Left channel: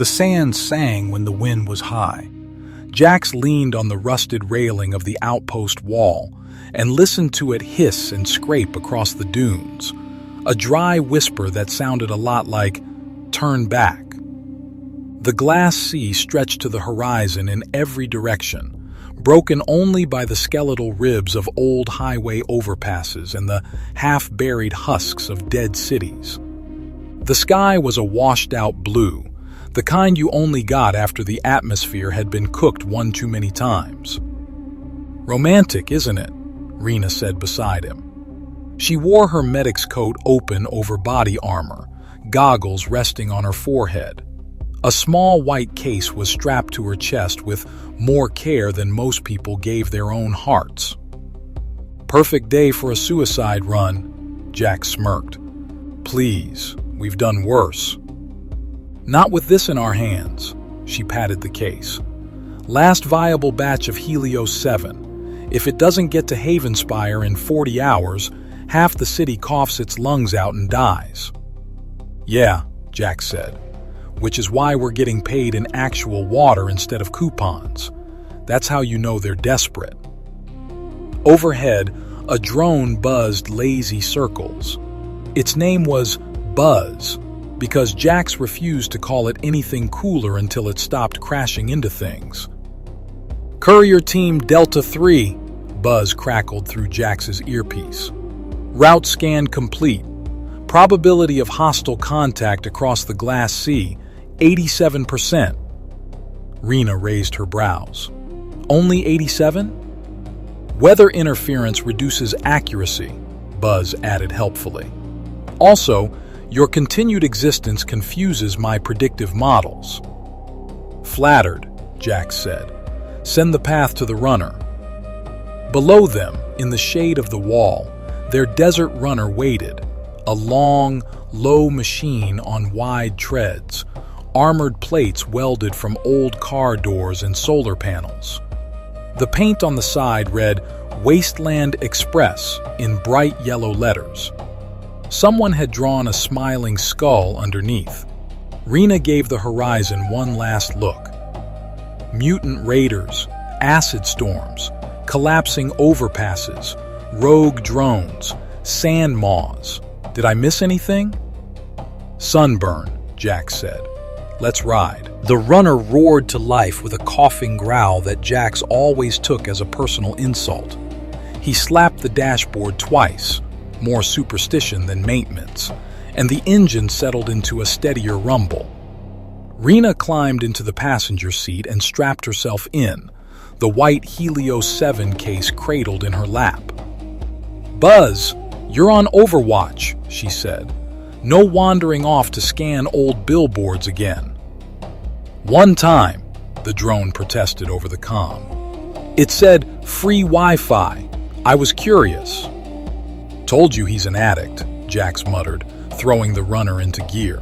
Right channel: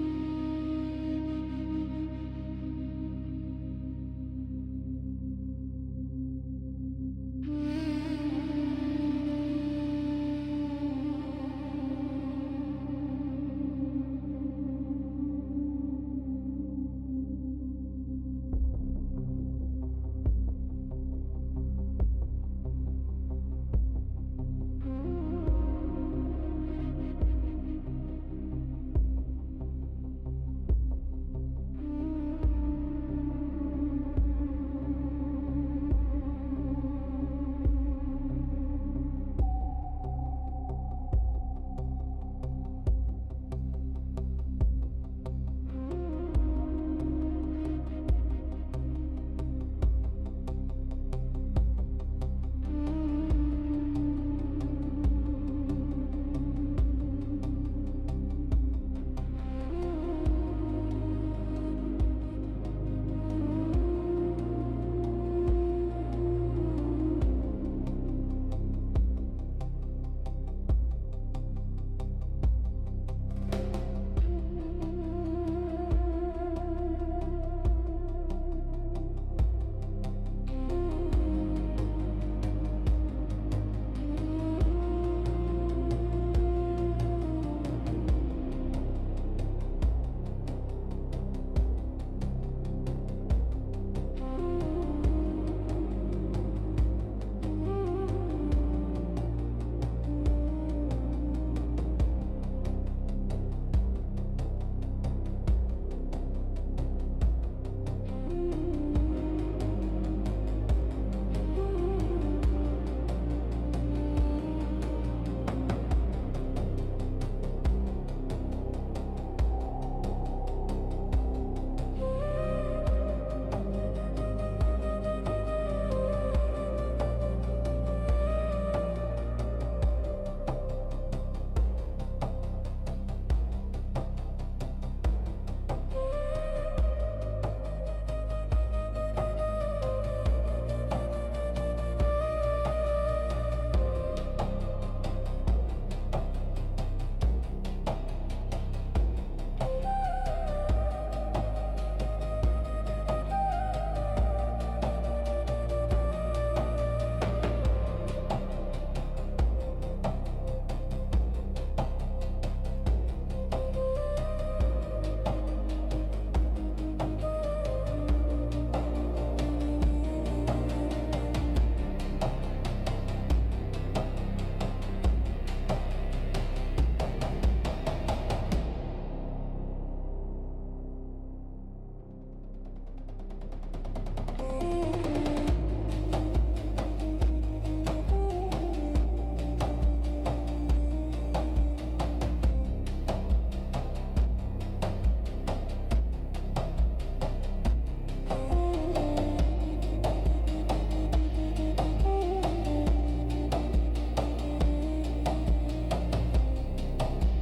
The sand sang when the wind was high. Jax leaned on the rusted railing of the outpost wall and listened to it hiss and scrape across the dunes, a dry whisper that sounded a lot like, "Turn back." The glass sea stretched to the horizon in every direction, broken only by the skeletal ribs of old highway overpasses and the half-buried husks of dead cities. The sky was a washed-out blue, the kind you only got after the atmosphere had been cooked one too many times. "Romantic, isn't it?" Rina said beside him. She wore her medic's coat open over body armor, goggles resting on her forehead. A small white case was strapped to her chest with more care than most people gave their own hearts. "Perfect day for a suicide run," Jack smirked. "Please, we've done worse." "Not with this in our hands," she patted the case. "Last viable batch of Helios 7. If it doesn't get to Havenspire in 40 hours, half the city coughs its lungs out and dies." "Yeah," Jack said, "which is why we're getting paid in actual water instead of coupons. That's how you know they're desperate." Overhead, a drone buzzed lazy circles. Its name was Buzz, because Jax refused to call it anything cooler until it stopped crashing into things. "Courier Team Delta 3, Buzz crackled through Jax's earpiece. "Route scan complete. Probability of hostile contact across the glass sea, 87%. Rina raised her brows. "Only 87? "Weather interference reduces accuracy," Buzz added helpfully. "Also, your continued existence confuses my predictive models." "Flattered," Jax said. "Send the path to the runner." Below them, in the shade of the wall, their desert runner waited, a long, low machine on wide treads, armored plates welded from old car doors and solar panels. The paint on the side read "Wasteland Express" in bright yellow letters. Someone had drawn a smiling skull underneath. Rina gave the horizon one last look. Mutant raiders, acid storms, collapsing overpasses, rogue drones, sand maws. Did I miss anything? "Sunburn," Jax said. "Let's ride." The runner roared to life with a coughing growl that Jax always took as a personal insult. He slapped the dashboard twice, more superstition than maintenance, and the engine settled into a steadier rumble. Rina climbed into the passenger seat and strapped herself in, the white Helios 7 case cradled in her lap. "Buzz, you're on Overwatch," she said. "No wandering off to scan old billboards again." "One time," the drone protested over the comm. "It said free Wi-Fi. I was curious." "Told you he's an addict," Jax muttered, throwing the runner into gear.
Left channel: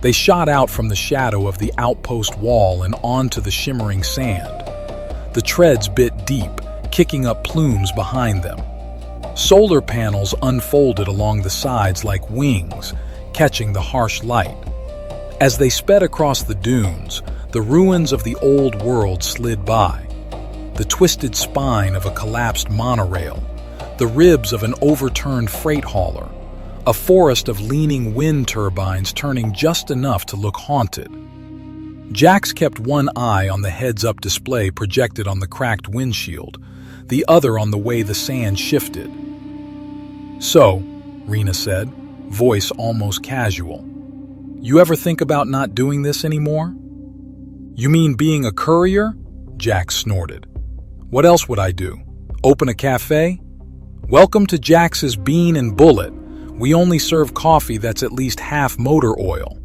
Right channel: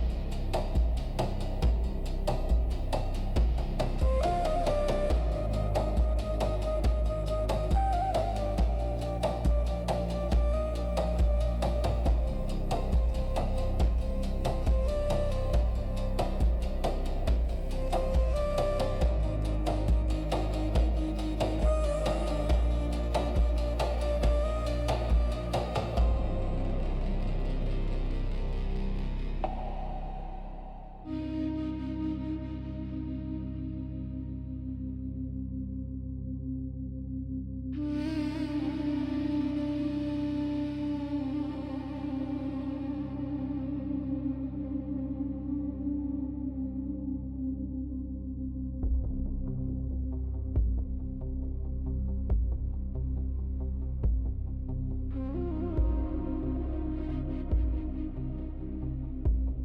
They shot out from the shadow of the outpost wall and onto the shimmering sand. The treads bit deep, kicking up plumes behind them. Solar panels unfolded along the sides like wings, catching the harsh light. As they sped across the dunes, the ruins of the old world slid by. The twisted spine of a collapsed monorail, the ribs of an overturned freight hauler, a forest of leaning wind turbines turning just enough to look haunted. Jax kept one eye on the heads-up display projected on the cracked windshield, the other on the way the sand shifted. "So," Rina said, voice almost casual, "you ever think about not doing this anymore?" "You mean being a courier?" Jax snorted. "What else would I do? Open a cafe? Welcome to Jax's Bean and Bullet. We only serve coffee that's at least half motor oil."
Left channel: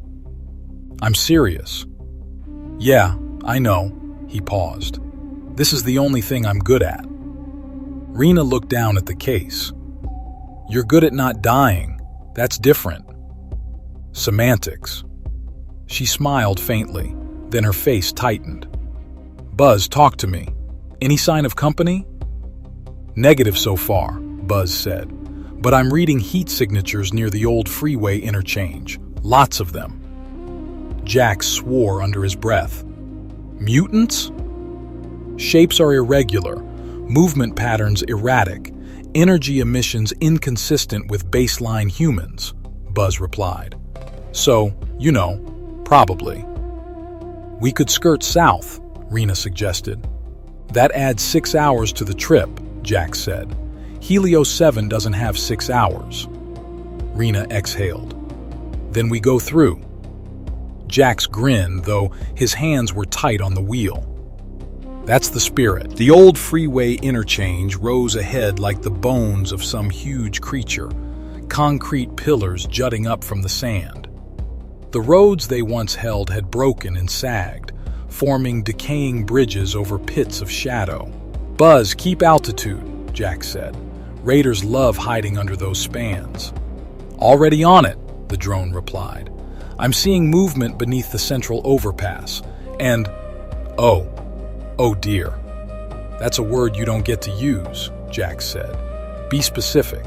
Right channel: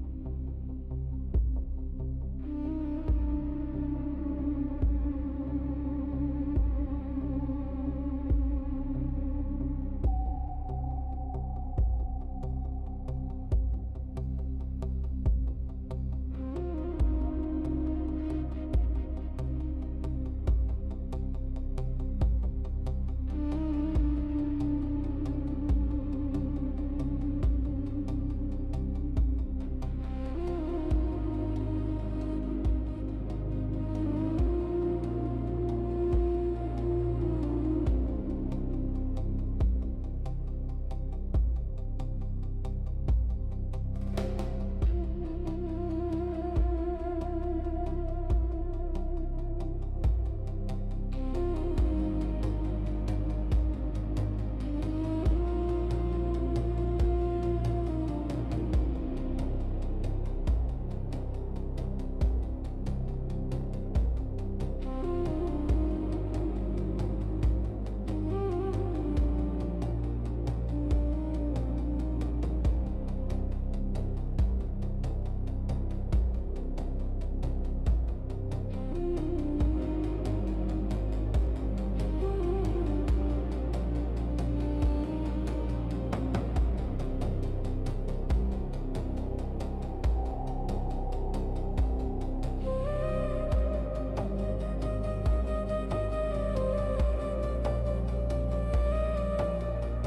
"I'm serious." "Yeah, I know," he paused. "This is the only thing I'm good at." Rina looked down at the case. "You're good at not dying. That's different." "Semantics." She smiled faintly, then her face tightened. "Buzz, talk to me. Any sign of company?" "Negative so far," Buzz said. "But I'm reading heat signatures near the old freeway interchange. Lots of them." Jax swore under his breath. Mutants? Shapes are irregular, movement patterns erratic, energy emissions inconsistent with baseline humans, Buzz replied. So, probably. We could skirt south, Rina suggested. That adds 6 hours to the trip, Jax said. Helios 7 doesn't have 6 hours. Rina exhaled. Then we go through. Jax grinned, though his hands were tight on the wheel. That's the spirit. The old freeway interchange rose ahead like the bones of some huge creature, concrete pillars jutting up from the sand. The roads they once held had broken and sagged, forming decaying bridges over pits of shadow. Buzz, keep altitude, Jax said. Raiders love hiding under those spans. Already on it, the drone replied. I'm seeing movement beneath the central overpass, and oh dear. That's a word you don't get to use, Jax said. Be specific.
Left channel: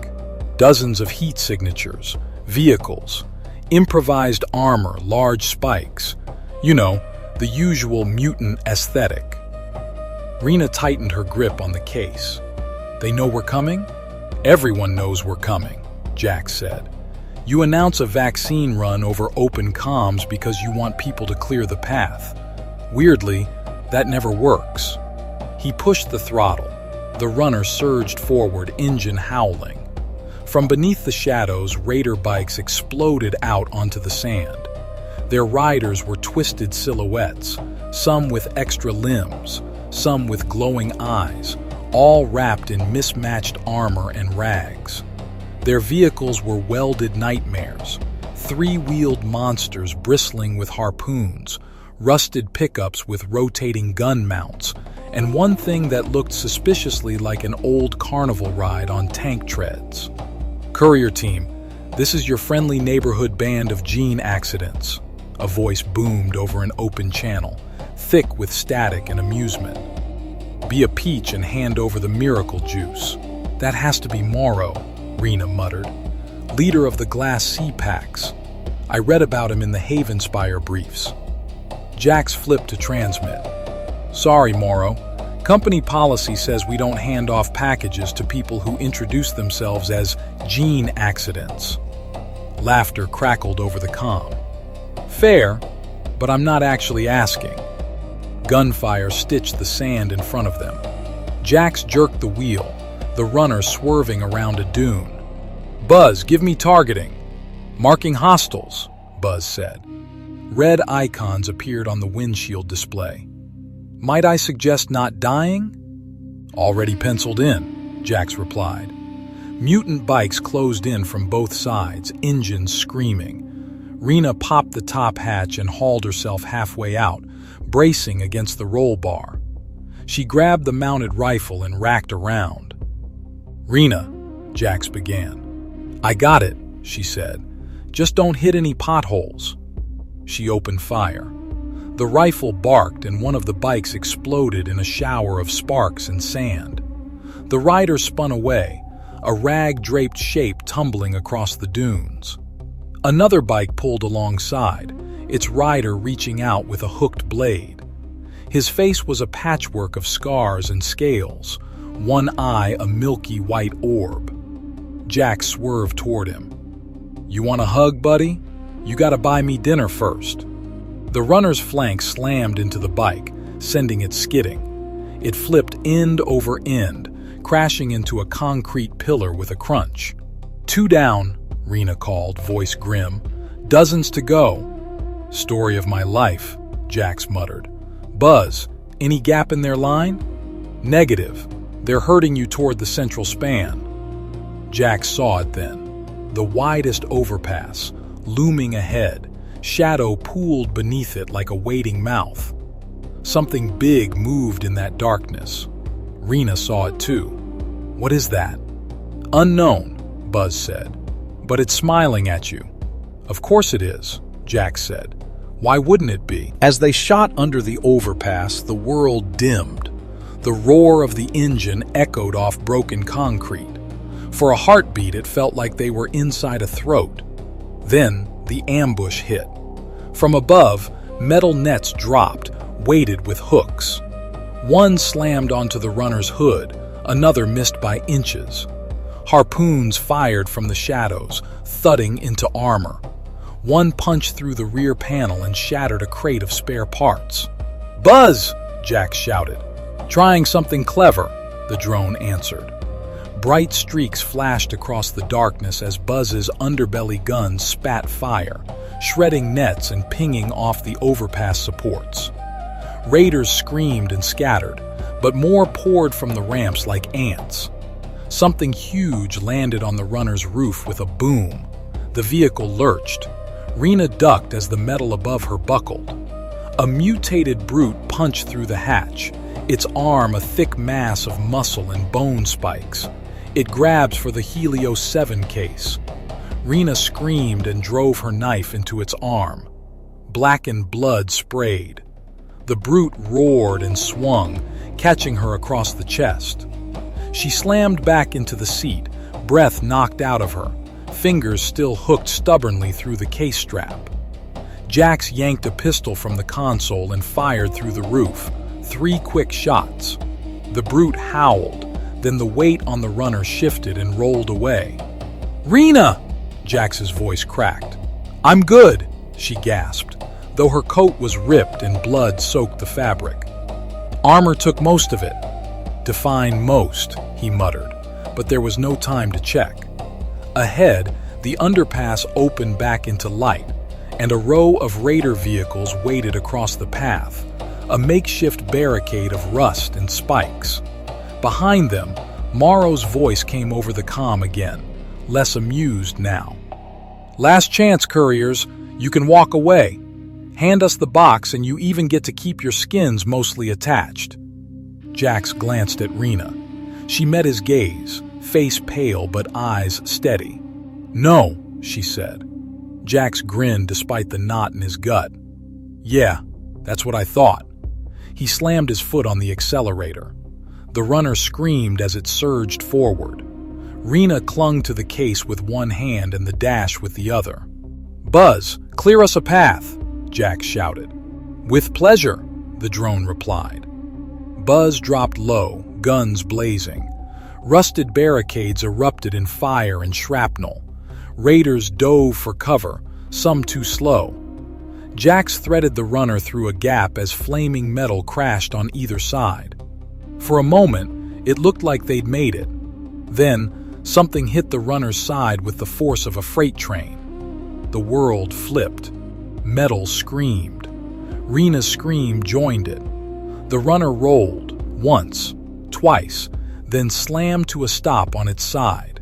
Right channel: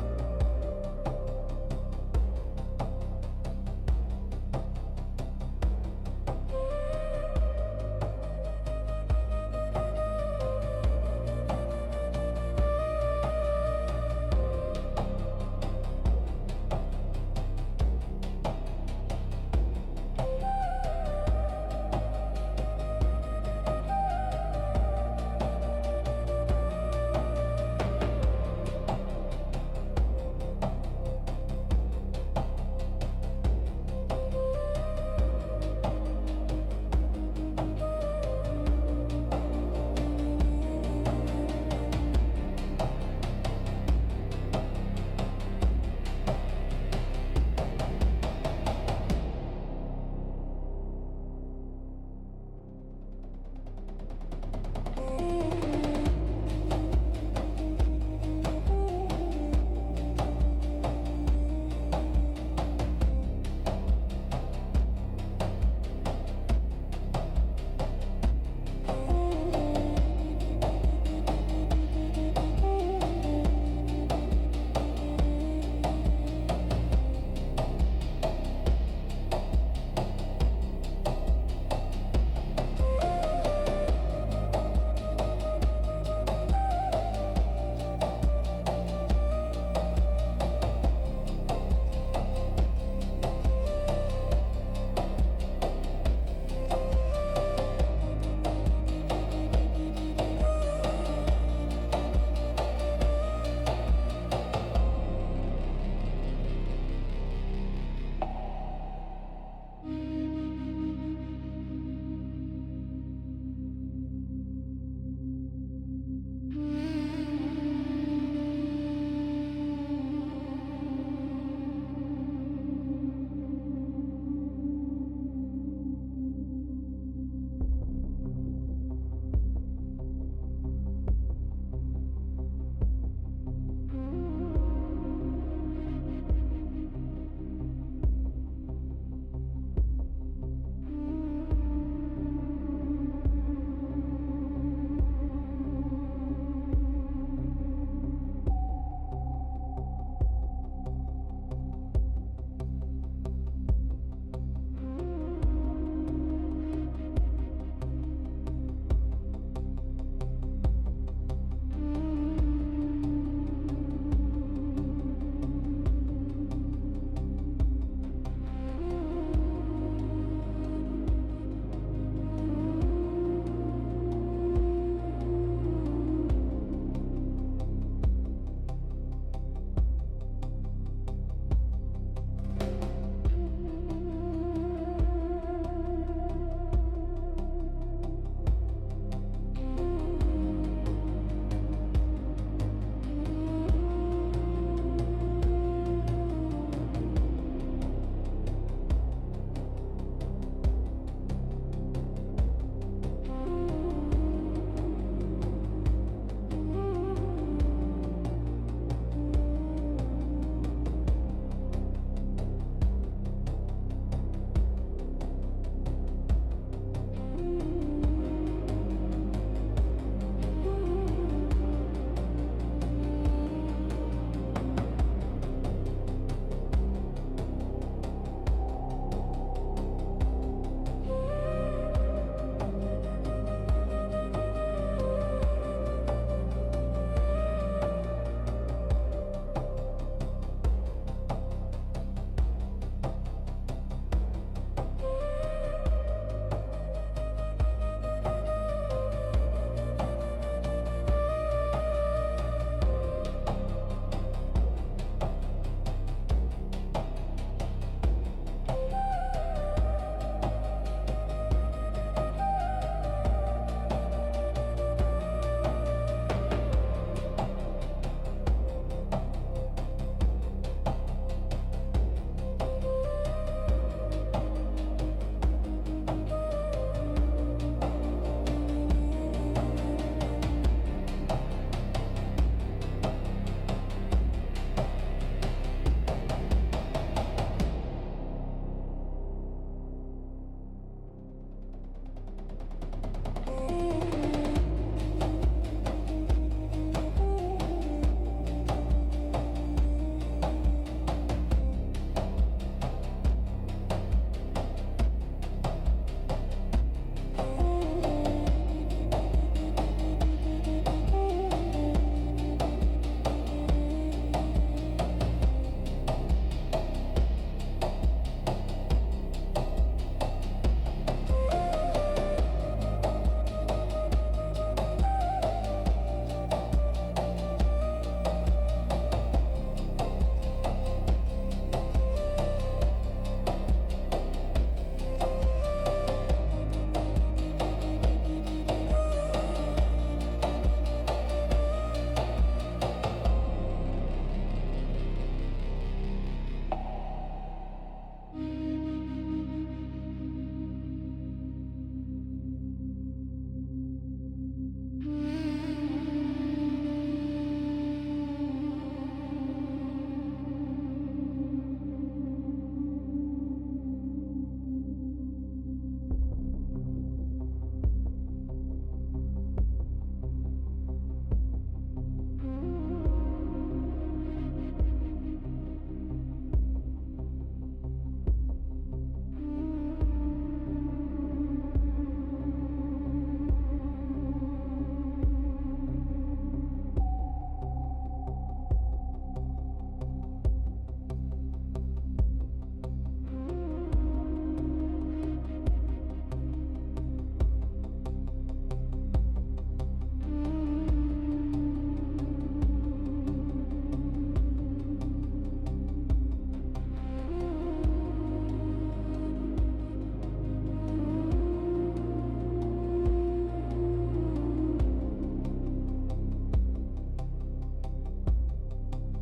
Dozens of heat signatures, vehicles, improvised armor, large spikes. The usual mutant aesthetic. Rina tightened her grip on the case. They know we're coming? Everyone knows we're coming, Jax said. You announce a vaccine run over open comms because you want people to clear the path. Weirdly, that never works. He pushed the throttle. The runner surged forward, engine howling. From beneath the shadows, raider bikes exploded out onto the sand. Their riders were twisted silhouettes, some with extra limbs, some with glowing eyes, all wrapped in mismatched armor and rags. Their vehicles were welded nightmares, three-wheeled monsters bristling with harpoons, rusted pickups with rotating gun mounts, and one thing that looked suspiciously like an old carnival ride on tank treads. Courier team, this is your friendly neighborhood band of gene accidents. A voice boomed over an open channel, thick with static and amusement. Be a peach and hand over the miracle juice. That has to be Morrow, Rina muttered. Leader of the Glass Sea Packs. I read about him in the Havenspire briefs. Jax flipped to transmit. Sorry, Morrow. Company policy says we don't hand off packages to people who introduce themselves as gene accidents. Laughter crackled over the comm. Fair, but I'm not actually asking. Gunfire stitched the sand in front of them. Jax jerked the wheel, the runner swerving around a dune. Buzz, give me targeting. Marking hostiles, Buzz said. Red icons appeared on the windshield display. Might I suggest not dying? Already penciled in, Jax replied. Mutant bikes closed in from both sides, engines screaming. Rina popped the top hatch and hauled herself halfway out, bracing against the roll bar. She grabbed the mounted rifle and racked around. Rina, Jax began. I got it, she said. Just don't hit any potholes. She opened fire. The rifle barked and one of the bikes exploded in a shower of sparks and sand. The rider spun away, a rag-draped shape tumbling across the dunes. Another bike pulled alongside, its rider reaching out with a hooked blade. His face was a patchwork of scars and scales, one eye a milky white orb. Jax swerved toward him. You want a hug, buddy? You gotta buy me dinner first. The runner's flank slammed into the bike, sending it skidding. It flipped end over end, crashing into a concrete pillar with a crunch. 2 down, Rina called, voice grim. Dozens to go. Story of my life, Jax muttered. Buzz, any gap in their line? Negative. They're herding you toward the central span. Jax saw it then. The widest overpass, looming ahead, shadow pooled beneath it like a waiting mouth. Something big moved in that darkness. Rina saw it too. What is that? Unknown, Buzz said. But it's smiling at you. Of course it is, Jax said. Why wouldn't it be? As they shot under the overpass, the world dimmed. The roar of the engine echoed off broken concrete. For a heartbeat, it felt like they were inside a throat. Then the ambush hit. From above, metal nets dropped, weighted with hooks. One slammed onto the runner's hood, another missed by inches. Harpoons fired from the shadows, thudding into armor. One punched through the rear panel and shattered a crate of spare parts. "Buzz!" Jax shouted. "Trying something clever," the drone answered. Bright streaks flashed across the darkness as Buzz's underbelly guns spat fire, shredding nets and pinging off the overpass supports. Raiders screamed and scattered, but more poured from the ramps like ants. Something huge landed on the runner's roof with a boom. The vehicle lurched. Rina ducked as the metal above her buckled. A mutated brute punched through the hatch, its arm a thick mass of muscle and bone spikes. It grabbed for the Helios 7 case. Rina screamed and drove her knife into its arm. Blackened blood sprayed. The brute roared and swung, catching her across the chest. She slammed back into the seat, breath knocked out of her, fingers still hooked stubbornly through the case strap. Jax yanked a pistol from the console and fired through the roof. 3 quick shots. The brute howled, then the weight on the runner shifted and rolled away. "Rina!" Jax's voice cracked. "I'm good," she gasped, though her coat was ripped and blood soaked the fabric. "Armor took most of it." "Define most," he muttered, but there was no time to check. Ahead, the underpass opened back into light, and a row of raider vehicles waited across the path, a makeshift barricade of rust and spikes. Behind them, Morrow's voice came over the comm again, less amused now. "Last chance, Couriers. You can walk away. Hand us the box and you even get to keep your skins mostly attached." Jax glanced at Rina. She met his gaze, face pale but eyes steady. "No," she said. Jax grinned despite the knot in his gut. "Yeah, that's what I thought." He slammed his foot on the accelerator. The runner screamed as it surged forward. Rina clung to the case with one hand and the dash with the other. "Buzz, clear us a path," Jax shouted. "With pleasure," the drone replied. Buzz dropped low, guns blazing. Rusted barricades erupted in fire and shrapnel. Raiders dove for cover, some too slow. Jax threaded the runner through a gap as flaming metal crashed on either side. For a moment, it looked like they'd made it. Then, something hit the runner's side with the force of a freight train. The world flipped. Metal screamed. Rina's scream joined it. The runner rolled, once, twice, then slammed to a stop on its side.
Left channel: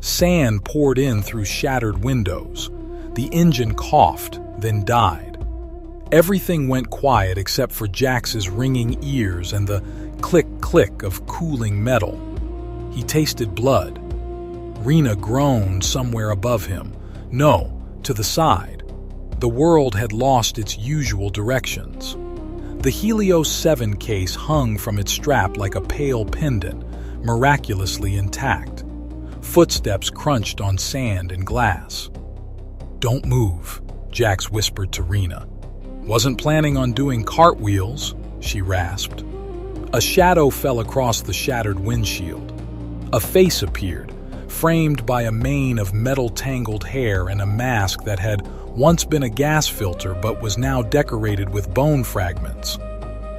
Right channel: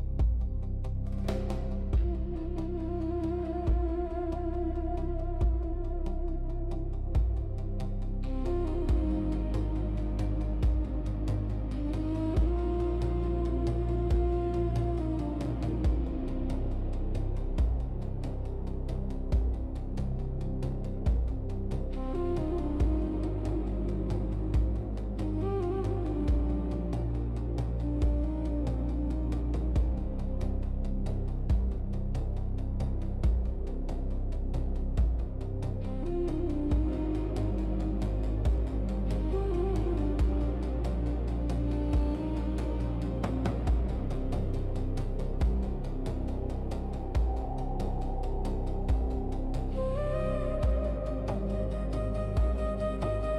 Sand poured in through shattered windows. The engine coughed, then died. Everything went quiet except for Jax's ringing ears and the click-click of cooling metal. He tasted blood. Rina groaned somewhere above him. No, to the side. The world had lost its usual directions. The Helios 7 case hung from its strap like a pale pendant, miraculously intact. Footsteps crunched on sand and glass. "Don't move," Jax whispered to Rina. "Wasn't planning on doing cartwheels," she rasped. A shadow fell across the shattered windshield. A face appeared, framed by a mane of metal-tangled hair and a mask that had once been a gas filter but was now decorated with bone fragments.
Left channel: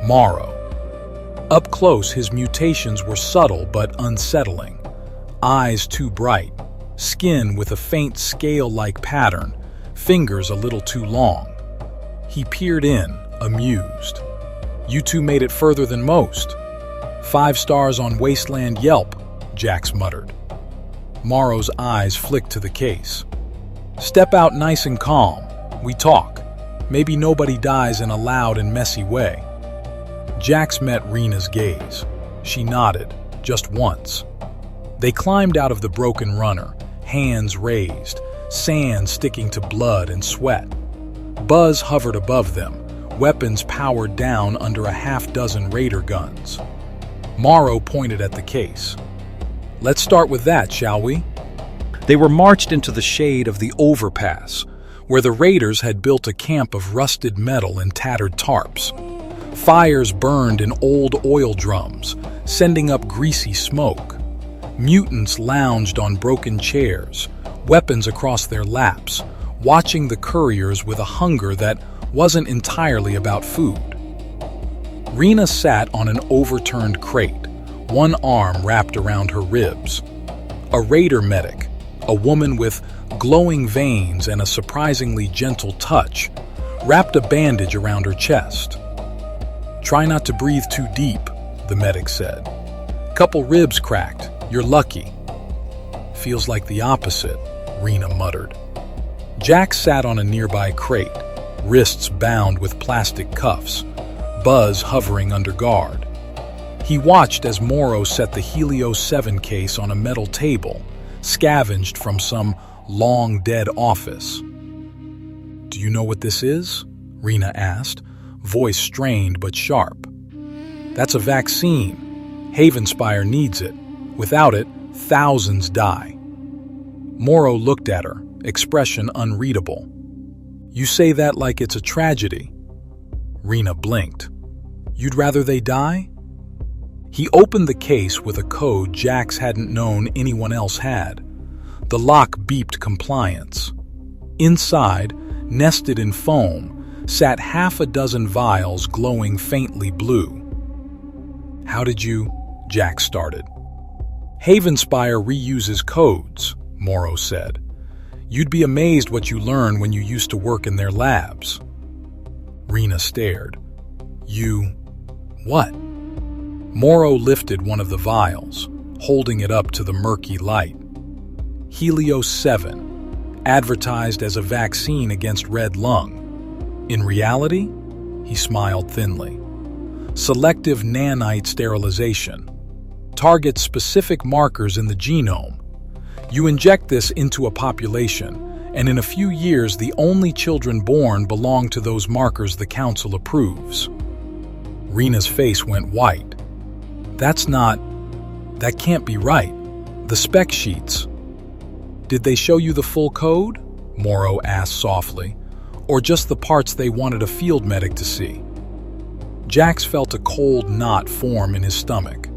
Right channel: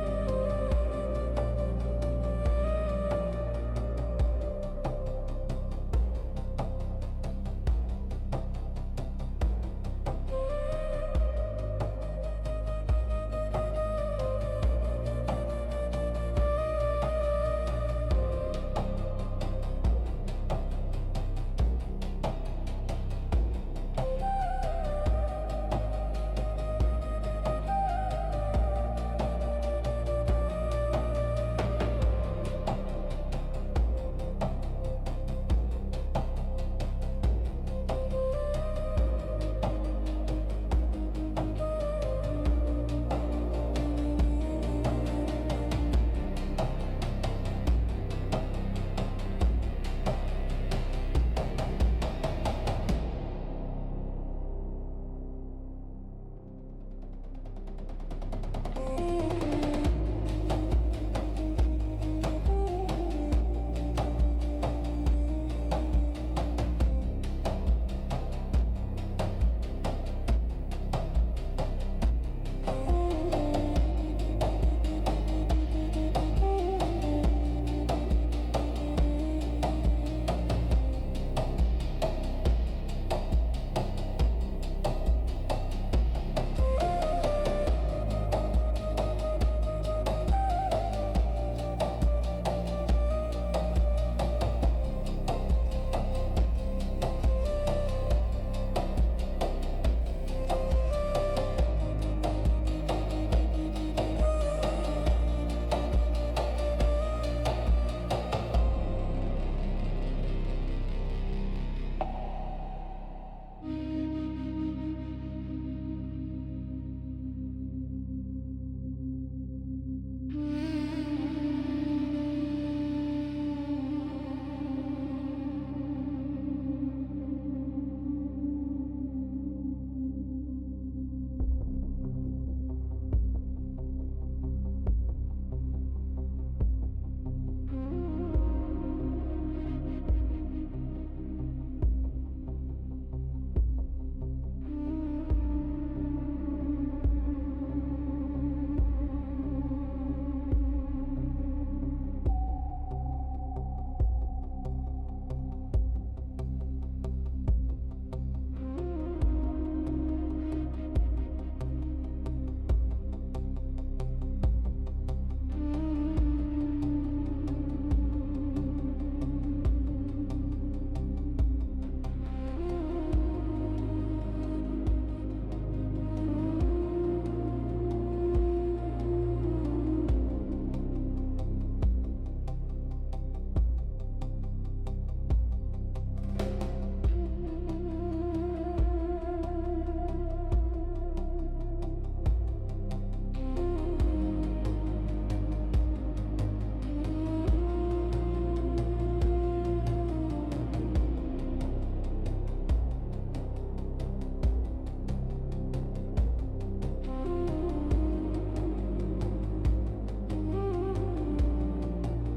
Morrow. Up close, his mutations were subtle but unsettling. Eyes too bright, skin with a faint scale-like pattern, fingers a little too long. He peered in, amused. "You two made it further than most. 5 stars on Wasteland Yelp," Jax muttered. Morrow's eyes flicked to the case. "Step out nice and calm. We talk. Maybe nobody dies in a loud and messy way." Jax met Rina's gaze. She nodded, just once. They climbed out of the broken runner, hands raised, sand sticking to blood and sweat. Buzz hovered above them, weapons powered down under a half-dozen raider guns. Morrow pointed at the case. "Let's start with that, shall we?" They were marched into the shade of the overpass, where the raiders had built a camp of rusted metal and tattered tarps. Fires burned in old oil drums, sending up greasy smoke. Mutants lounged on broken chairs, weapons across their laps, watching the couriers with a hunger that wasn't entirely about food. Rina sat on an overturned crate, one arm wrapped around her ribs. A raider medic, a woman with glowing veins and a surprisingly gentle touch, wrapped a bandage around her chest. "Try not to breathe too deep," the medic said. "Couple ribs cracked. You're lucky." "Feels like the opposite," Rina muttered. Jax sat on a nearby crate, wrists bound with plastic cuffs, Buzz hovering under guard. He watched as Morrow set the Helios 7 case on a metal table, scavenged from some long-dead office. "Do you know what this is?" Rina asked, voice strained but sharp. "That's a vaccine. Havenspire needs it. Without it, thousands die." Morrow looked at her, expression unreadable. "You say that like it's a tragedy." Rina blinked. "You'd rather they die?" He opened the case with a code Jax hadn't known anyone else had. The lock beeped compliance. Inside, nested in foam, sat half a dozen vials glowing faintly blue. "How did you?" Jax started. "Havenspire reuses codes," Morrow said. "You'd be amazed what you learn when you used to work in their labs." Rina stared. "You... what?" Morrow lifted one of the vials, holding it up to the murky light. "Helios 7, advertised as a vaccine against red lung. In reality," he smiled thinly, "selective nanite sterilization. Targets specific markers in the genome. You inject this into a population, and in a few years the only children born belong to those markers the Council approves." Rina's face went white. That can't be right. The spec sheets." "Did they show you the full code?" Morrow asked softly. "Or just the parts they wanted a field medic to see?" Jax felt a cold knot form in his stomach.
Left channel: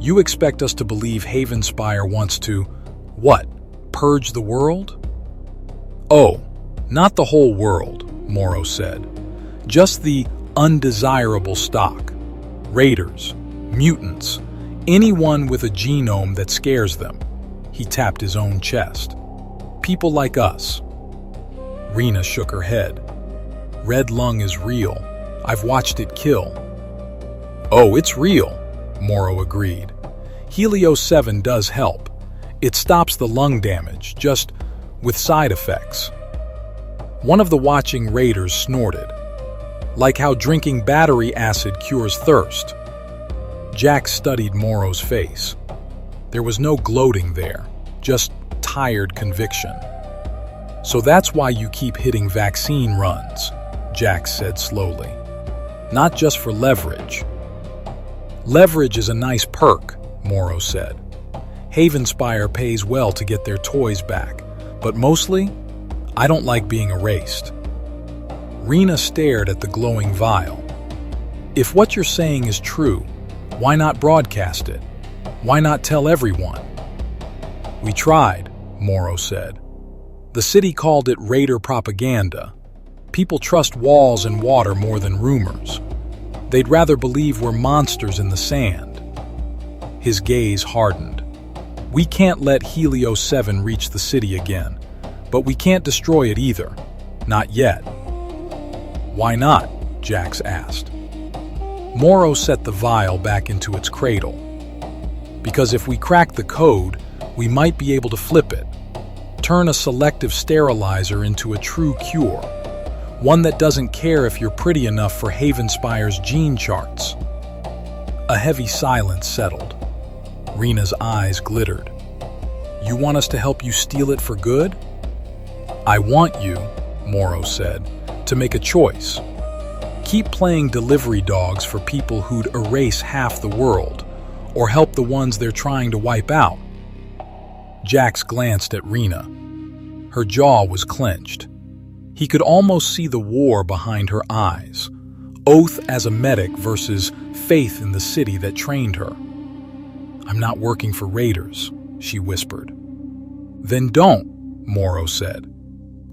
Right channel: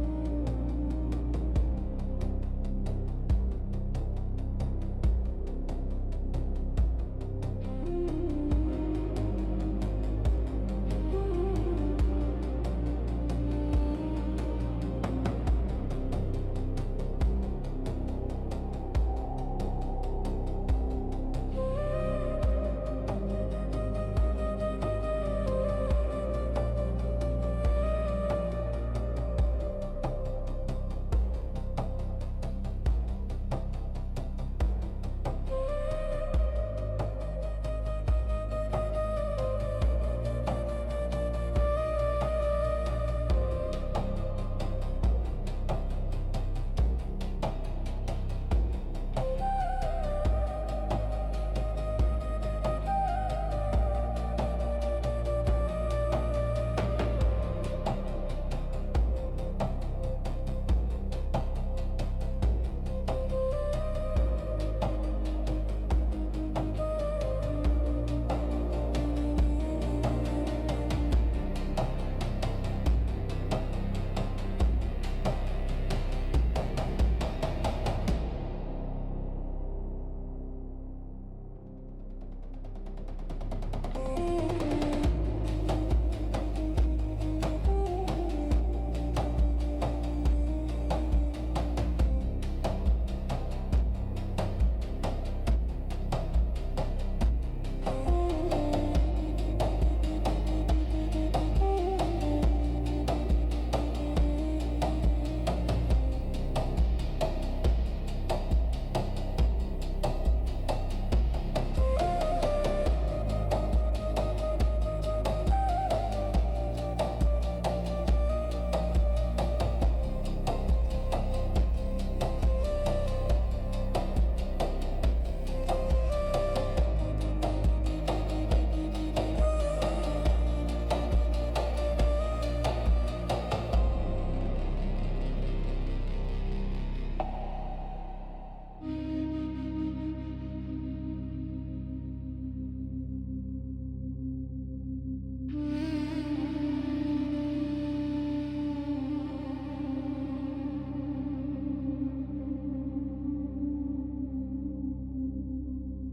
"You expect us to believe Havenspire wants to, what, purge the world?" "Oh, not the whole world," Morrow said. "Just the undesirable stock. Raiders, mutants, anyone with a genome that scares them." He tapped his own chest. "People like us." Rina shook her head. "Red lung is real. I've watched it kill." "Oh, it's real," Morrow agreed. "Helios 7 does help. It stops the lung damage, just with side effects." One of the watching raiders snorted. "Like how drinking battery acid cures thirst." Jax studied Morrow's face. There was no gloating there, just tired conviction. "So that's why you keep hitting vaccine runs," Jax said slowly. "Not just for leverage." "Leverage is a nice perk," Morrow said. "Havenspire pays well to get their toys back, but mostly, I don't like being erased." Rina stared at the glowing vial. "If what you're saying is true, why not broadcast it? Why not tell everyone?" "We tried," Morrow said. "The city called it raider propaganda. People trust walls and water more than rumors. They'd rather believe we're monsters in the sand." His gaze hardened. "We can't let Helios 7 reach the city again, but we can't destroy it either. Not yet." "Why not?" Jax asked. Morrow set the vial back into its cradle. "Because if we crack the code, we might be able to flip it. Turn a selective sterilizer into a true cure. One that doesn't care if you're pretty enough for Havenspire's gene charts." A heavy silence settled. Rina's eyes glittered. "You want us to help you steal it for good?" "I want you," Morrow said, "to make a choice. Keep playing delivery dogs for people who'd erase half the world, or help the ones they're trying to wipe out." Jax glanced at Rina. Her jaw was clenched. He could almost see the war behind her eyes. Oath as a medic versus faith in the city that trained her. "I'm not working for raiders," she whispered. "Then don't," Morrow said.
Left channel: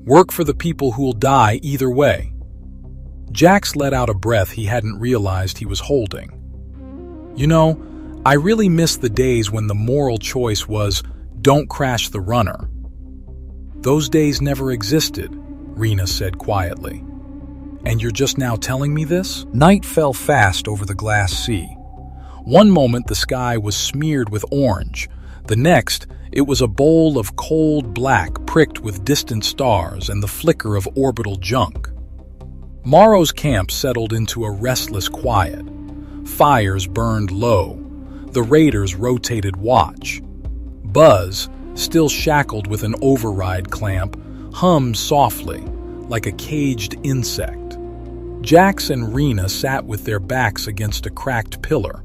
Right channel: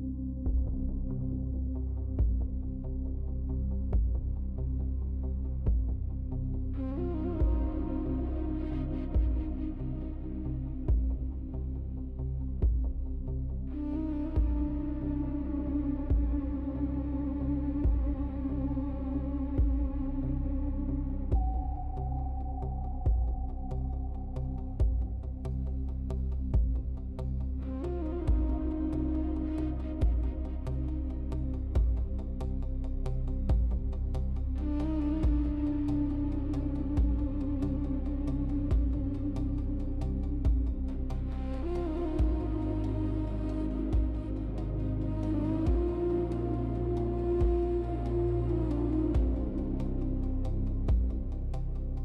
"Work for the people who'll die either way." Jax let out a breath he hadn't realized he was holding. "You know, I really miss the days when the moral choice was, don't crash the runner." "Those days never existed," Rina said quietly. "And you're just now telling me this?" Night fell fast over the glass sea. One moment the sky was smeared with orange. The next, it was a bowl of cold black pricked with distant stars and the flicker of orbital junk. Morrow's camp settled into a restless quiet. Fires burned low. The raiders rotated watch. Buzz, still shackled with an override clamp, hummed softly, like a caged insect. Jax and Rina sat with their backs against a cracked pillar,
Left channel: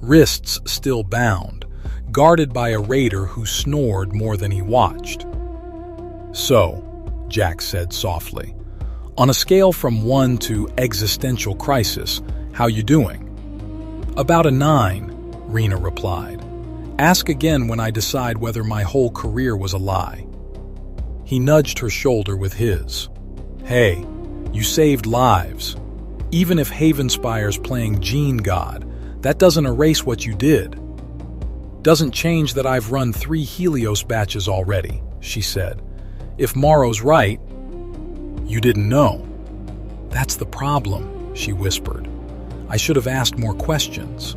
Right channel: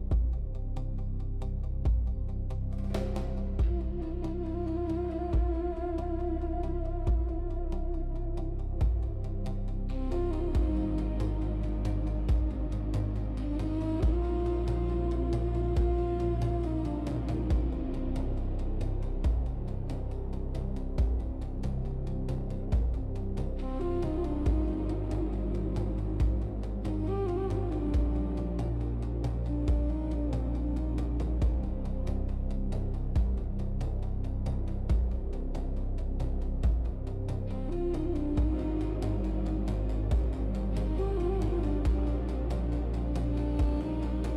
wrists still bound, guarded by a raider who snored more than he watched. "So," Jax said softly, "on a scale from 1 to existential crisis, how you doing?" "About a 9, Rina replied. "Ask again when I decide whether my whole career was a lie." He nudged her shoulder with his. "Hey, you saved lives. Even if Havenspire's playing Gene God, that doesn't erase what you did." "Doesn't change that I've run 3 Helios batches already," she said. "If Morrow's right, you didn't know." "That's the problem," she whispered. "I should have asked more questions."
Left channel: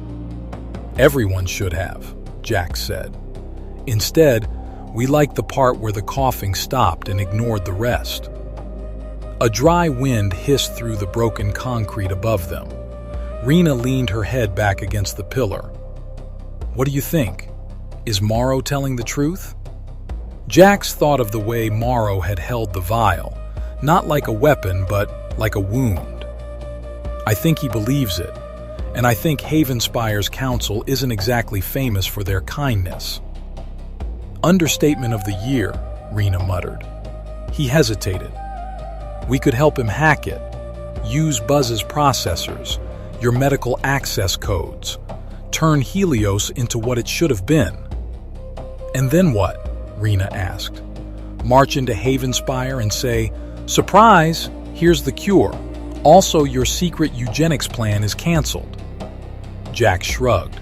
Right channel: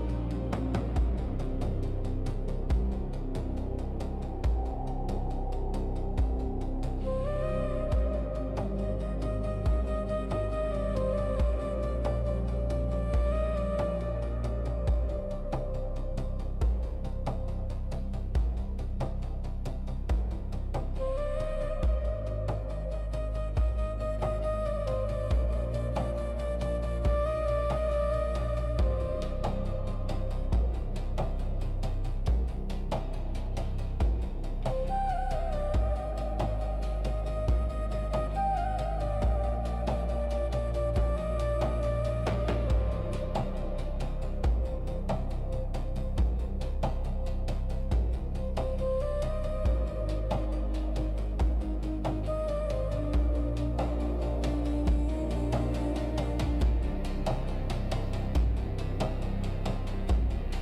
"Everyone should have," Jax said. "Instead, we liked the part where the coughing stopped and ignored the rest." A dry wind hissed through the broken concrete above them. Rina leaned her head back against the pillar. "What do you think? Is Morrow telling the truth?" Jax thought of the way Morrow had held the vial, not like a weapon, but like a wound. "I think he believes it, and I think Havenspire's council isn't exactly famous for their kindness." "Understatement of the year," Rina muttered. He hesitated. "We could help him hack it. Use Buzz's processors, your medical access codes. Turn Helios into what it should have been." "And then what?" Rina asked. "March into Havenspire and say, 'Surprise, here's the cure. Also, your secret eugenics plan is canceled.'" Jax shrugged.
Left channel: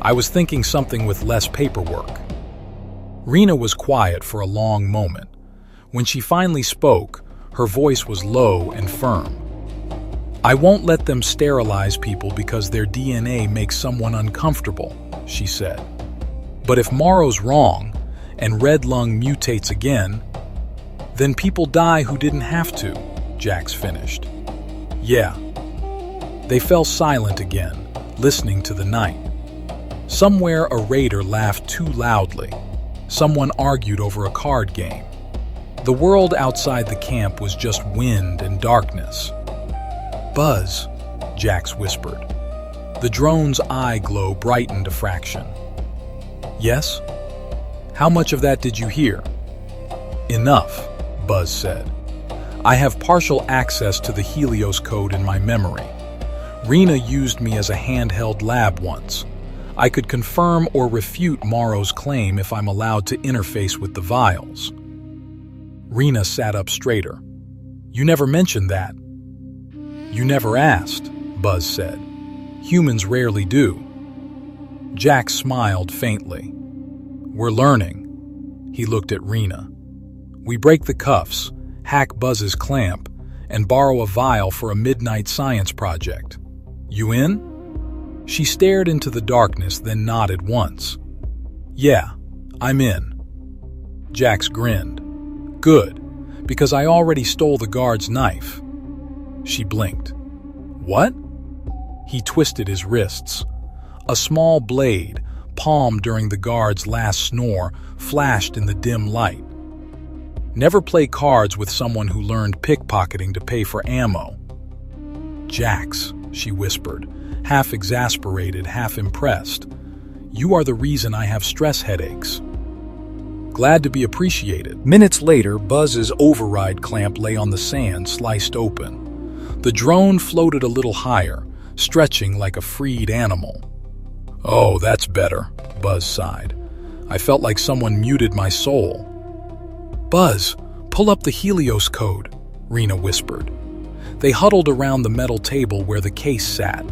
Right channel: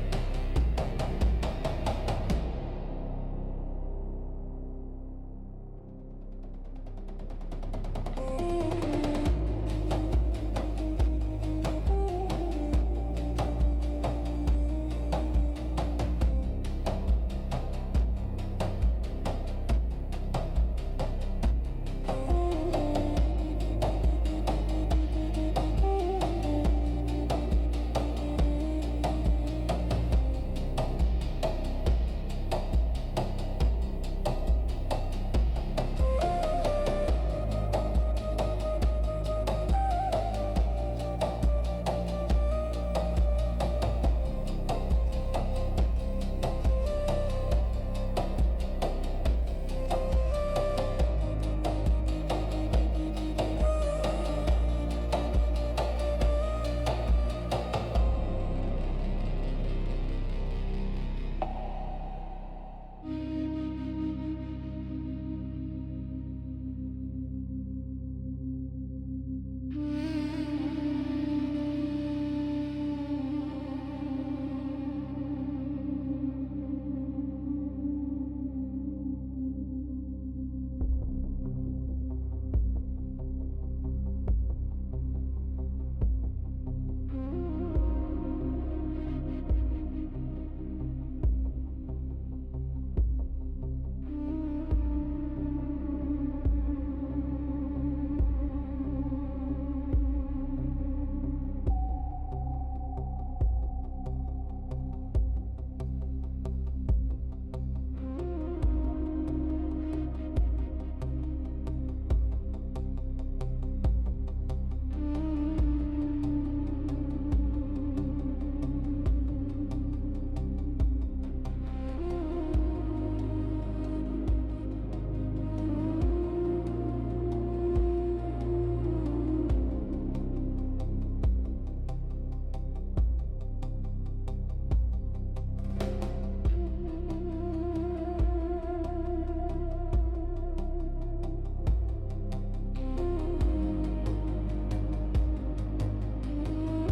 "I was thinking something with less paperwork." Rina was quiet for a long moment. When she finally spoke, her voice was low and firm. "I won't let them sterilize people because their DNA makes someone uncomfortable," she said. "But if Morrow's wrong, and Red Lung mutates again, then people die who didn't have to," Jax finished. "Yeah." They fell silent again, listening to the night. Somewhere a raider laughed too loudly. Someone argued over a card game. The world outside the camp was just wind and darkness. "Buzz," Jax whispered. The drone's eye glow brightened a fraction. "Yes? How much of that did you hear?" "Enough," Buzz said. "I have partial access to the Helios code in my memory. Rina used me as a handheld lab once. I could confirm or refute Morrow's claim if I'm allowed to interface with the vials." Rina sat up straighter. "You never mentioned that." "You never asked," Buzz said. "Humans rarely do." Jax smiled faintly. "We're learning." He looked at Rina. "We break the cuffs, hack Buzz's clamp, and borrow a vial for a midnight science project. You in?" She stared into the darkness, then nodded once. "Yeah, I'm in." Jax grinned. "Good, because I already stole the guard's knife." She blinked. "What?" He twisted his wrists. A small blade, palmed during the guard's last snore, flashed in the dim light. "Never play cards with someone who learned pickpocketing to pay for ammo." "Jax," she whispered, half exasperated, half impressed. "You are the reason I have stress headaches." Glad to be appreciated. Minutes later, Buzz's override clamp lay on the sand, sliced open. The drone floated a little higher, stretching like a freed animal. "Oh, that's better," Buzz sighed. "I felt like someone muted my soul." "Buzz, pull up the Helios code," Rina whispered. They huddled around the metal table where the case sat,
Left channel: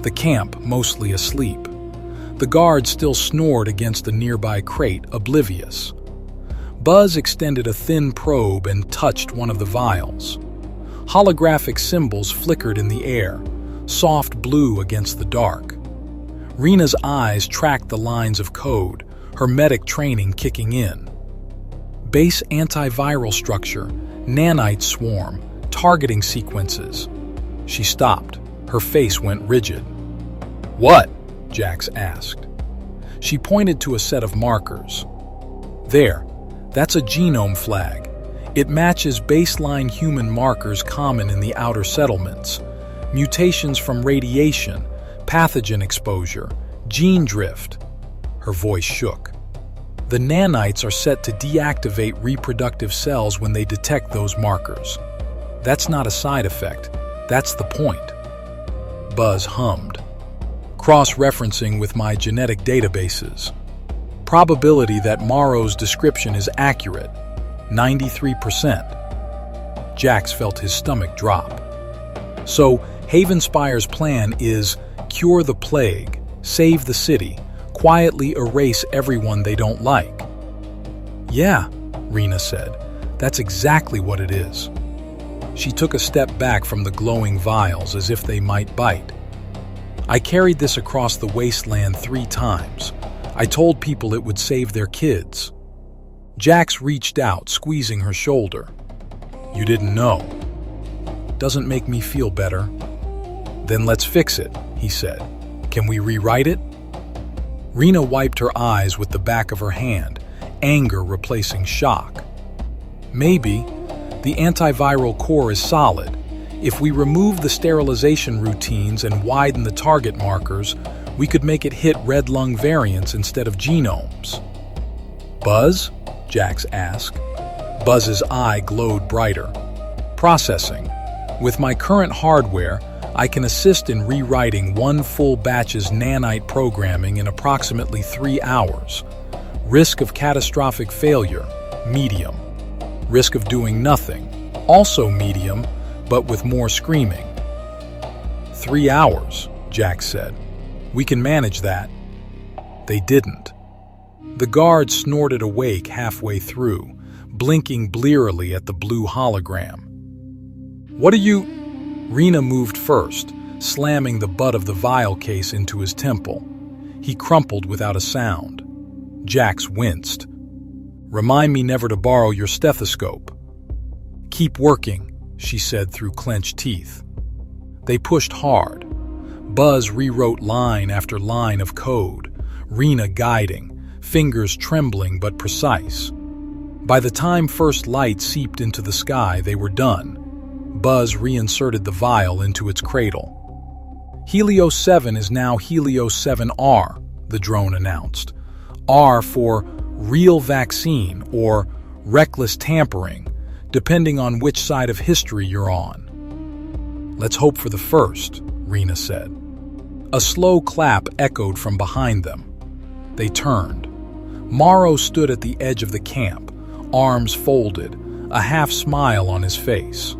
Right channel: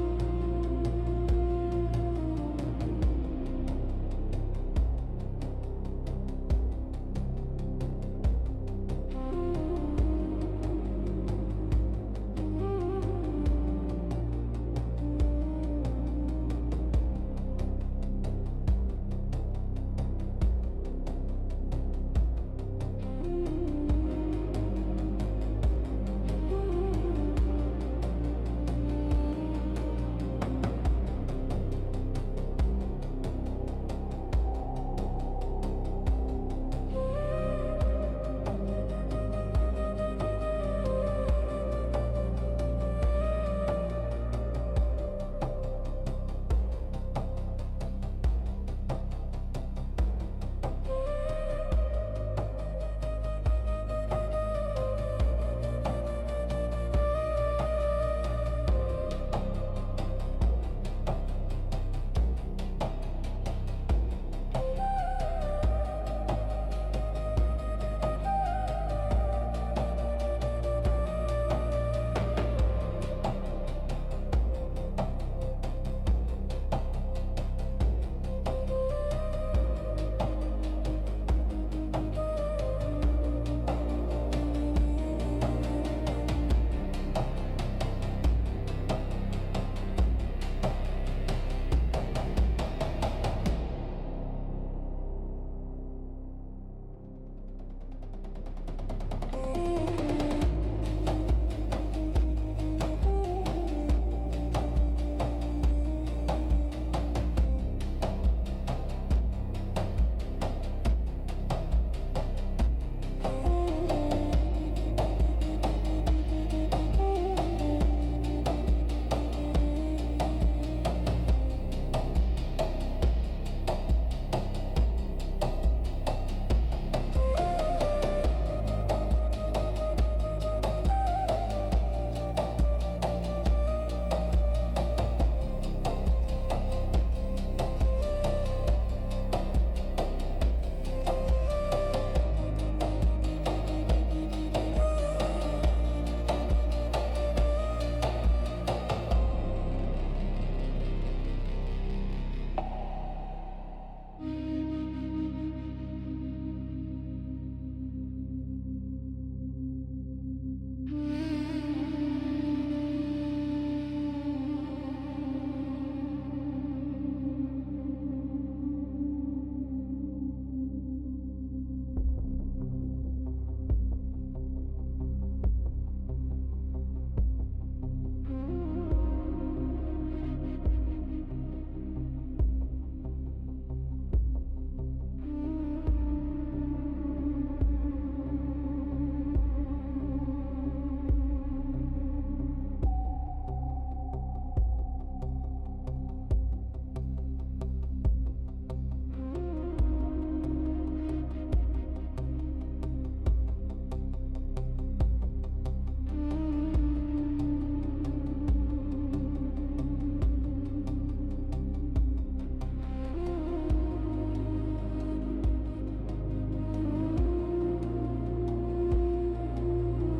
the camp mostly asleep. The guard still snored against a nearby crate, oblivious. Buzz extended a thin probe and touched one of the vials. Holographic symbols flickered in the air, soft blue against the dark. Rina's eyes tracked the lines of code, her medic training kicking in. Base antiviral structure, nanite swarm, targeting sequences. She stopped. Her face went rigid. "What?" Jax asked. She pointed to a set of markers. "There, that's a genome flag. It matches baseline human markers common in the outer settlements. Mutations from radiation, pathogen exposure, gene drift." Her voice shook. "The nanites are set to deactivate reproductive cells when they detect those markers. That's not a side effect. That's the point." Buzz hummed. "Cross-referencing with my genetic databases. Probability that Morrow's description is accurate, 93%. Jax felt his stomach drop. "So, Havenspire's plan is cure the plague, save the city, quietly erase everyone they don't like." "Yeah," Rina said. "That's exactly what it is." She took a step back from the glowing vials as if they might bite. "I carried this across the Wasteland 3 times. I told people it would save their kids." Jax reached out, squeezing her shoulder. "You didn't know." "Doesn't make me feel better." "Then let's fix it," he said. "Can we rewrite it?" Rina wiped her eyes with the back of her hand, anger replacing shock. "Maybe. The antiviral core is solid. If we remove the sterilization routines and widen the target markers, we could make it hit red lung variants instead of genomes." "Buzz?" Jax asked. Buzz's eye glowed brighter. "Processing. With my current hardware, I can assist in rewriting one full batch's nanite programming in approximately 3 hours. Risk of catastrophic failure, medium. Risk of doing nothing, also medium, but with more screaming." 3 hours, Jax said. "We can manage that." They didn't. The guard snorted awake halfway through, blinking blearily at the blue hologram. "What are you—" Rina moved first, slamming the butt of the vial case into his temple. He crumpled without a sound. Jax winced. "Remind me never to borrow your stethoscope." "Keep working," she said through clenched teeth. They pushed hard. Buzz rewrote line after line of code, Rina guiding, fingers trembling but precise. By the time first light seeped into the sky, they were done. Buzz reinserted the vial into its cradle. "Helios 7 is now Helios 7R, the drone announced. R for real vaccine or reckless tampering, depending on which side of history you're on." "Let's hope for the first," Rina said. A slow clap echoed from behind them. They turned. Morrow stood at the edge of the camp, arms folded, a half smile on his face.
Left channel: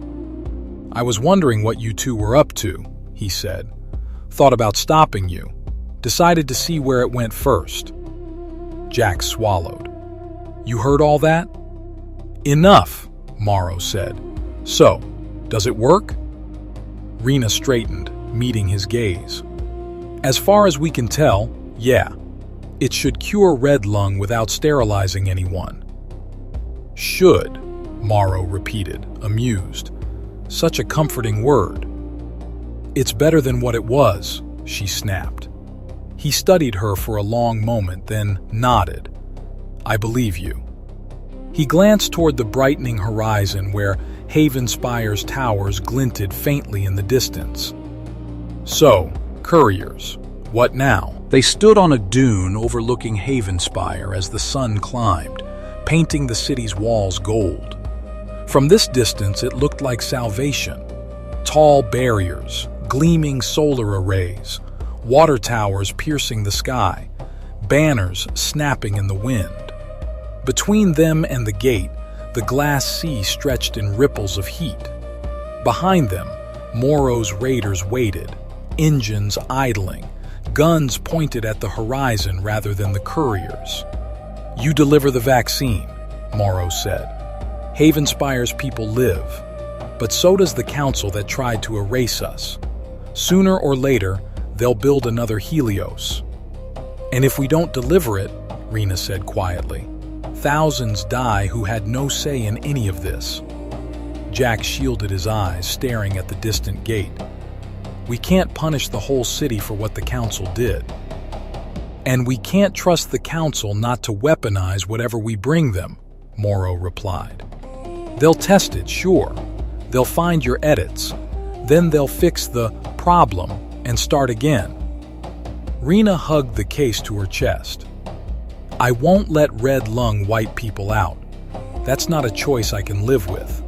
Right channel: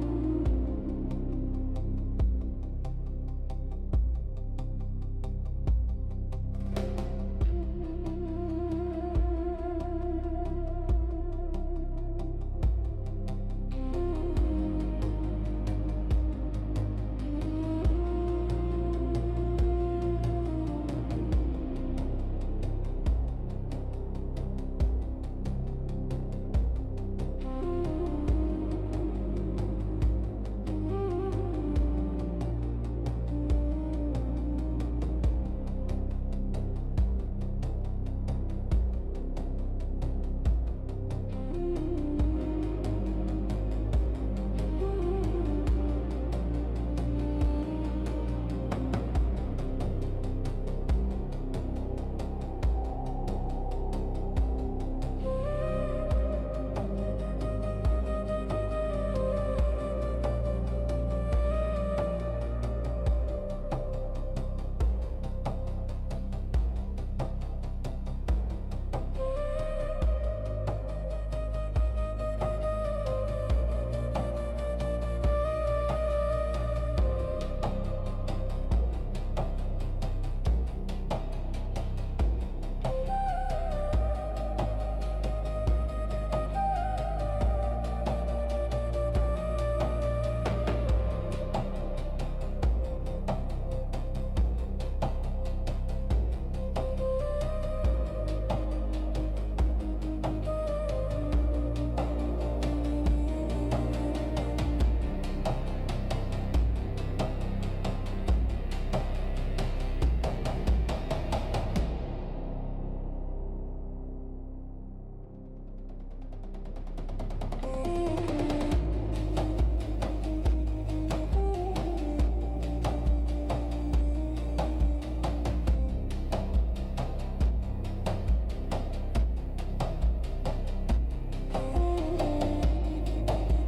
"I was wondering what you two were up to," he said. "Thought about stopping you. Decided to see where it went first." Jax swallowed. "You heard all that?" "Enough," Morrow said. "So, does it work?" Rina straightened, meeting his gaze. "As far as we can tell, yeah. It should cure red lung without sterilizing anyone." "Should," Morrow repeated, amused. Such a comforting word. "It's better than what it was," she snapped. He studied her for a long moment, then nodded. "I believe you." He glanced toward the brightening horizon where Havenspire's towers glinted faintly in the distance. "So, Couriers, what now?" They stood on a dune overlooking Havenspire as the sun climbed, painting the city's walls gold. From this distance, it looked like salvation. Tall barriers, gleaming solar arrays, water towers piercing the sky, banners snapping in the wind. Between them and the gate, the glass sea stretched in ripples of heat. Behind them, Morrow's raiders waited, engines idling, guns pointed at the horizon rather than the couriers. "You deliver the vaccine," Morrow said. "Havenspire's people live, but so does the council that tried to erase us. Sooner or later, they'll build another Helios. And if we don't deliver it," Rina said quietly, "thousands die who had no say in any of this." Jack shielded his eyes, staring at the distant gate. "We can't punish the whole city for what the council did. And we can't trust the council not to weaponize whatever we bring them," Morrow replied. "They'll test it, sure. They'll find your edits. Then they'll fix the problem and start again." Rina hugged the case to her chest. "I won't let red lung white people out. That's not a choice I can live with."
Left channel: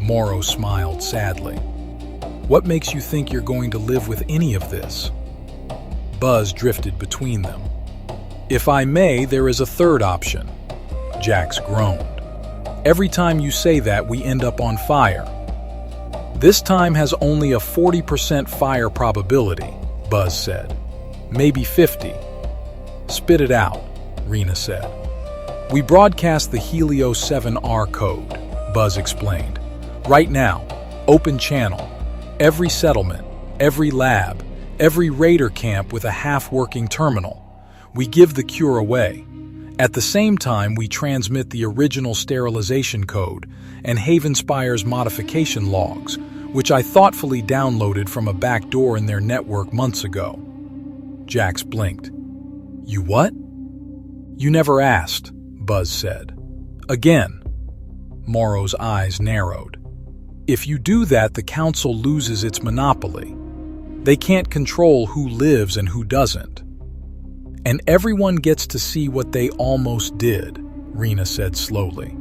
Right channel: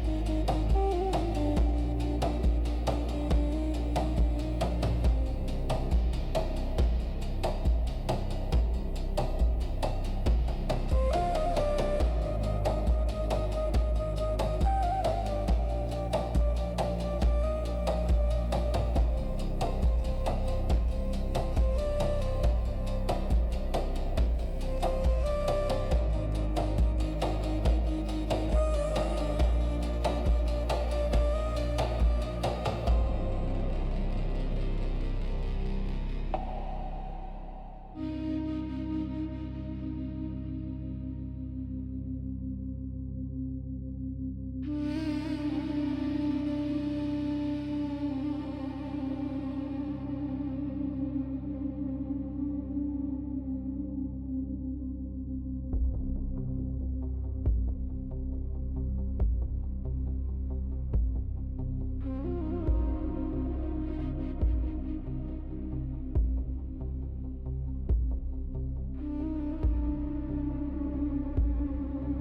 Morrow smiled sadly. "What makes you think you're going to live with any of this?" Buzz drifted between them. "If I may, there is a third option." Jax groaned. "Every time you say that, we end up on fire." "This time has only a 40% fire probability," Buzz said. "Maybe 50. "Spit it out," Rina said. "We broadcast the Helio 7R code," Buzz explained. "Right now, open channel. Every settlement, every lab, every raider camp with a half-working terminal. We give the cure away. At the same time, we transmit the original sterilization code and Havenspire's modification logs, which I thoughtfully downloaded from a back door in their network months ago." Jax blinked. "You what?" "You never asked," Buzz said. "Again." Morrow's eyes narrowed. "If you do that, the council loses its monopoly. They can't control who lives and who doesn't. And everyone gets to see what they almost did," Rina said slowly.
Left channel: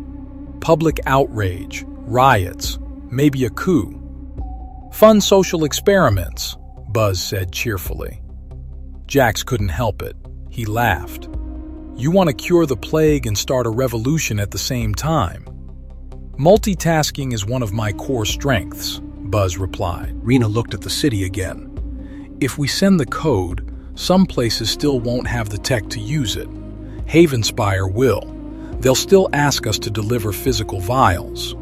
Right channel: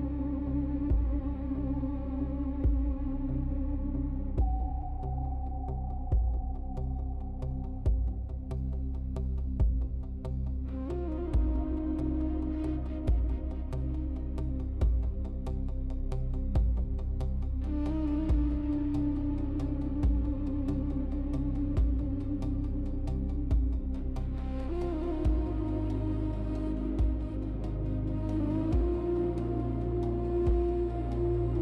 "Public outrage, riots, maybe a coup. Fun social experiments," Buzz said cheerfully. Jax couldn't help it. He laughed. "You want to cure the plague and start a revolution at the same time." "Multitasking is one of my core strengths," Buzz replied. Rina looked at the city again. "If we send the code, some places still won't have the tech to use it. Havenspire will. They'll still ask us to deliver physical vials."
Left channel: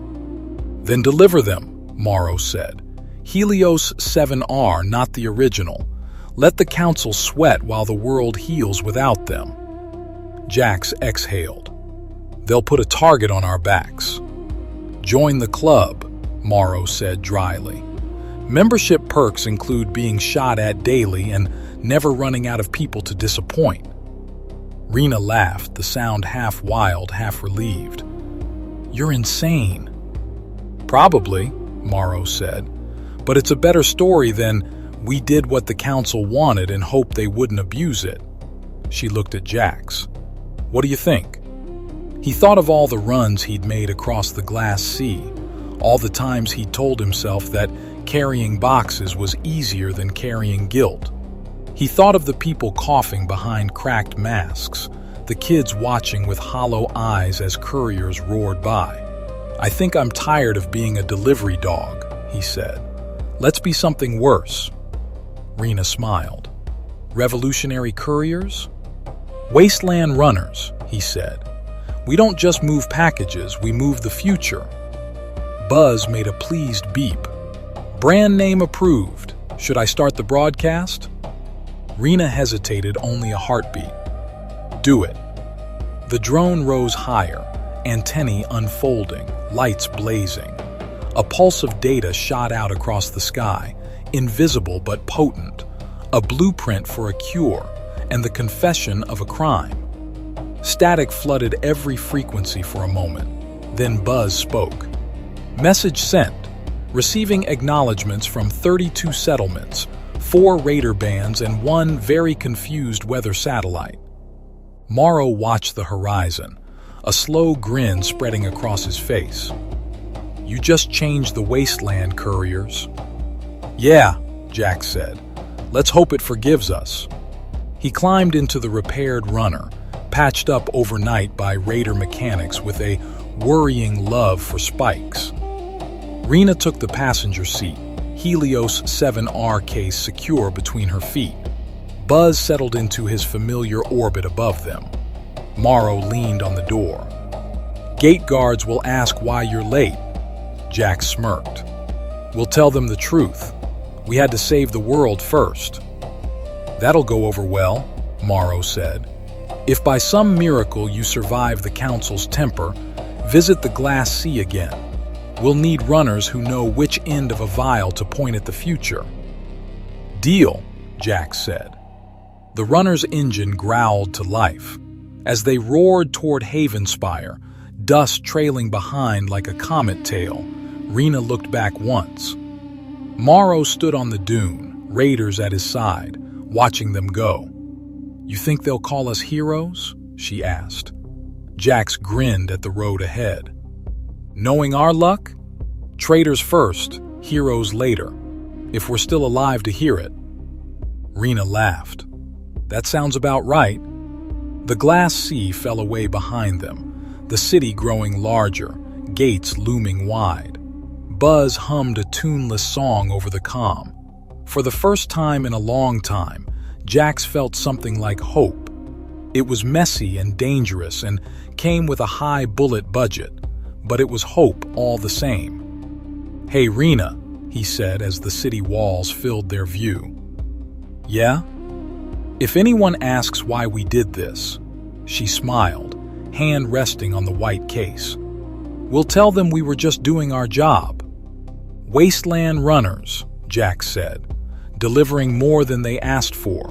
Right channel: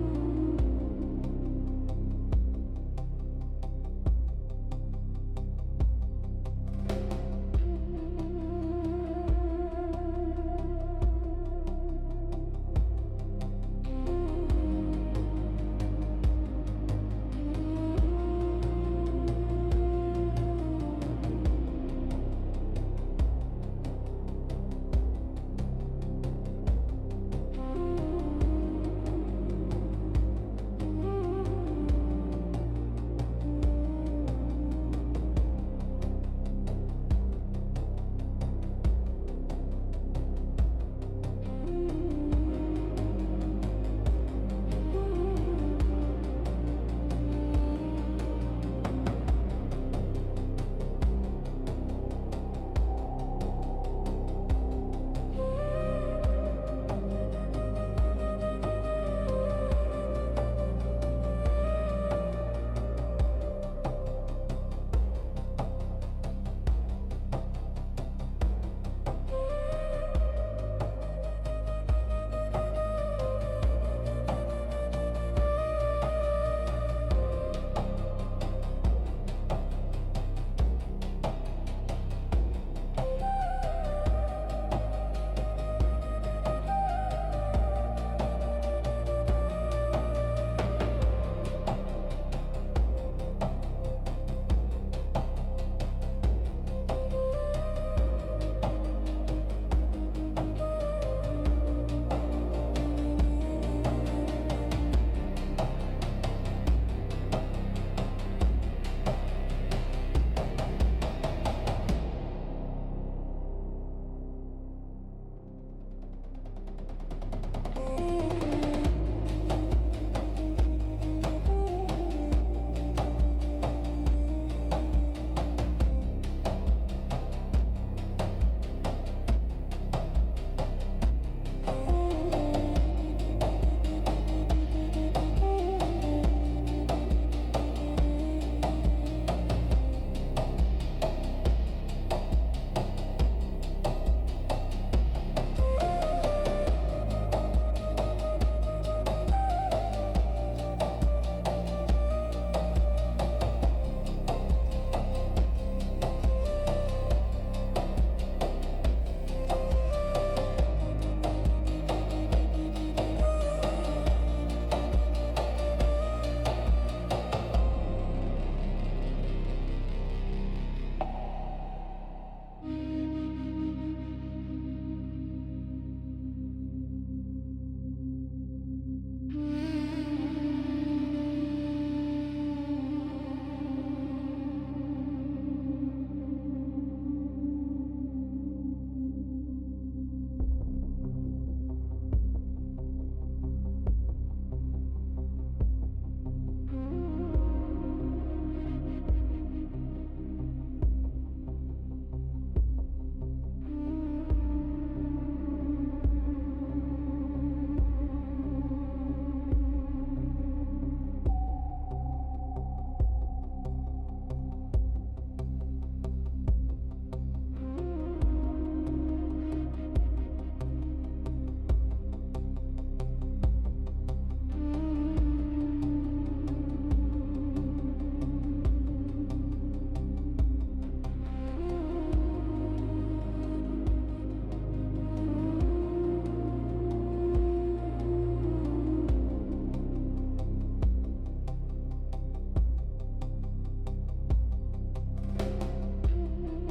"Then deliver them," Morrow said. "Helios 7R, not the original. Let the council sweat while the world heals without them." Jax exhaled. "They'll put a target on our backs." "Join the club," Morrow said dryly. "Membership perks include being shot at daily and never running out of people to disappoint." Rina laughed, the sound half wild, half relieved. "You're insane." "Probably," Morrow said. "But it's a better story than we did what the council wanted and hoped they wouldn't abuse it." She looked at Jax. "What do you think?" He thought of all the runs he'd made across the glass sea, all the times he'd told himself that carrying boxes was easier than carrying guilt. He thought of the people coughing behind cracked masks, the kids watching with hollow eyes as couriers roared by. "I think I'm tired of being a delivery dog," he said. "Let's be something worse." Rina smiled. "Revolutionary couriers?" "Wasteland runners," he said. "We don't just move packages, we move the future." Buzz made a pleased beep. "Brand name approved. Should I start the broadcast?" Rina hesitated only a heartbeat. "Do it." The drone rose higher, antennae unfolding, lights blazing. A pulse of data shot out across the sky, invisible but potent, a blueprint for a cure, and the confession of a crime. Static flooded every frequency for a moment. Then Buzz spoke. "Message sent. Receiving acknowledgments from 32 settlements, 4 raider bands, and 1 very confused weather satellite." Morrow watched the horizon, a slow grin spreading across his face. "You just changed the Wasteland, Couriers." "Yeah," Jack said. "Let's hope it forgives us." He climbed into the repaired runner, patched up overnight by Raider mechanics with a worrying love for spikes. Rina took the passenger seat, Helios 7R case secure between her feet. Buzz settled into his familiar orbit above them. Morrow leaned on the door. "Gate guards will ask why you're late." Jack smirked. "We'll tell them the truth. We had to save the world first." "That'll go over well," Morrow said. "If by some miracle you survive the Council's temper, visit the Glass Sea again. We'll need runners who know which end of a vial to point at the future." "Deal," Jack said. The runner's engine growled to life. As they roared toward Havenspire, dust trailing behind like a comet tail, Rina looked back once. Morrow stood on the dune, raiders at his side, watching them go. "You think they'll call us heroes?" she asked. Jax grinned at the road ahead. "Knowing our luck? Traitors first, heroes later, if we're still alive to hear it." Rina laughed. "That sounds about right." The Glass Sea fell away behind them, the city growing larger, gates looming wide. Buzz hummed a tuneless song over the comm. For the first time in a long time, Jax felt something like hope. It was messy and dangerous and came with a high bullet budget, but it was hope all the same. "Hey, Rina," he said as the city walls filled their view. "Yeah?" "If anyone asks why we did this," she smiled, hand resting on the white case, "we'll tell them we were just doing our job." "Wasteland runners," Jack said, "delivering more than they asked for.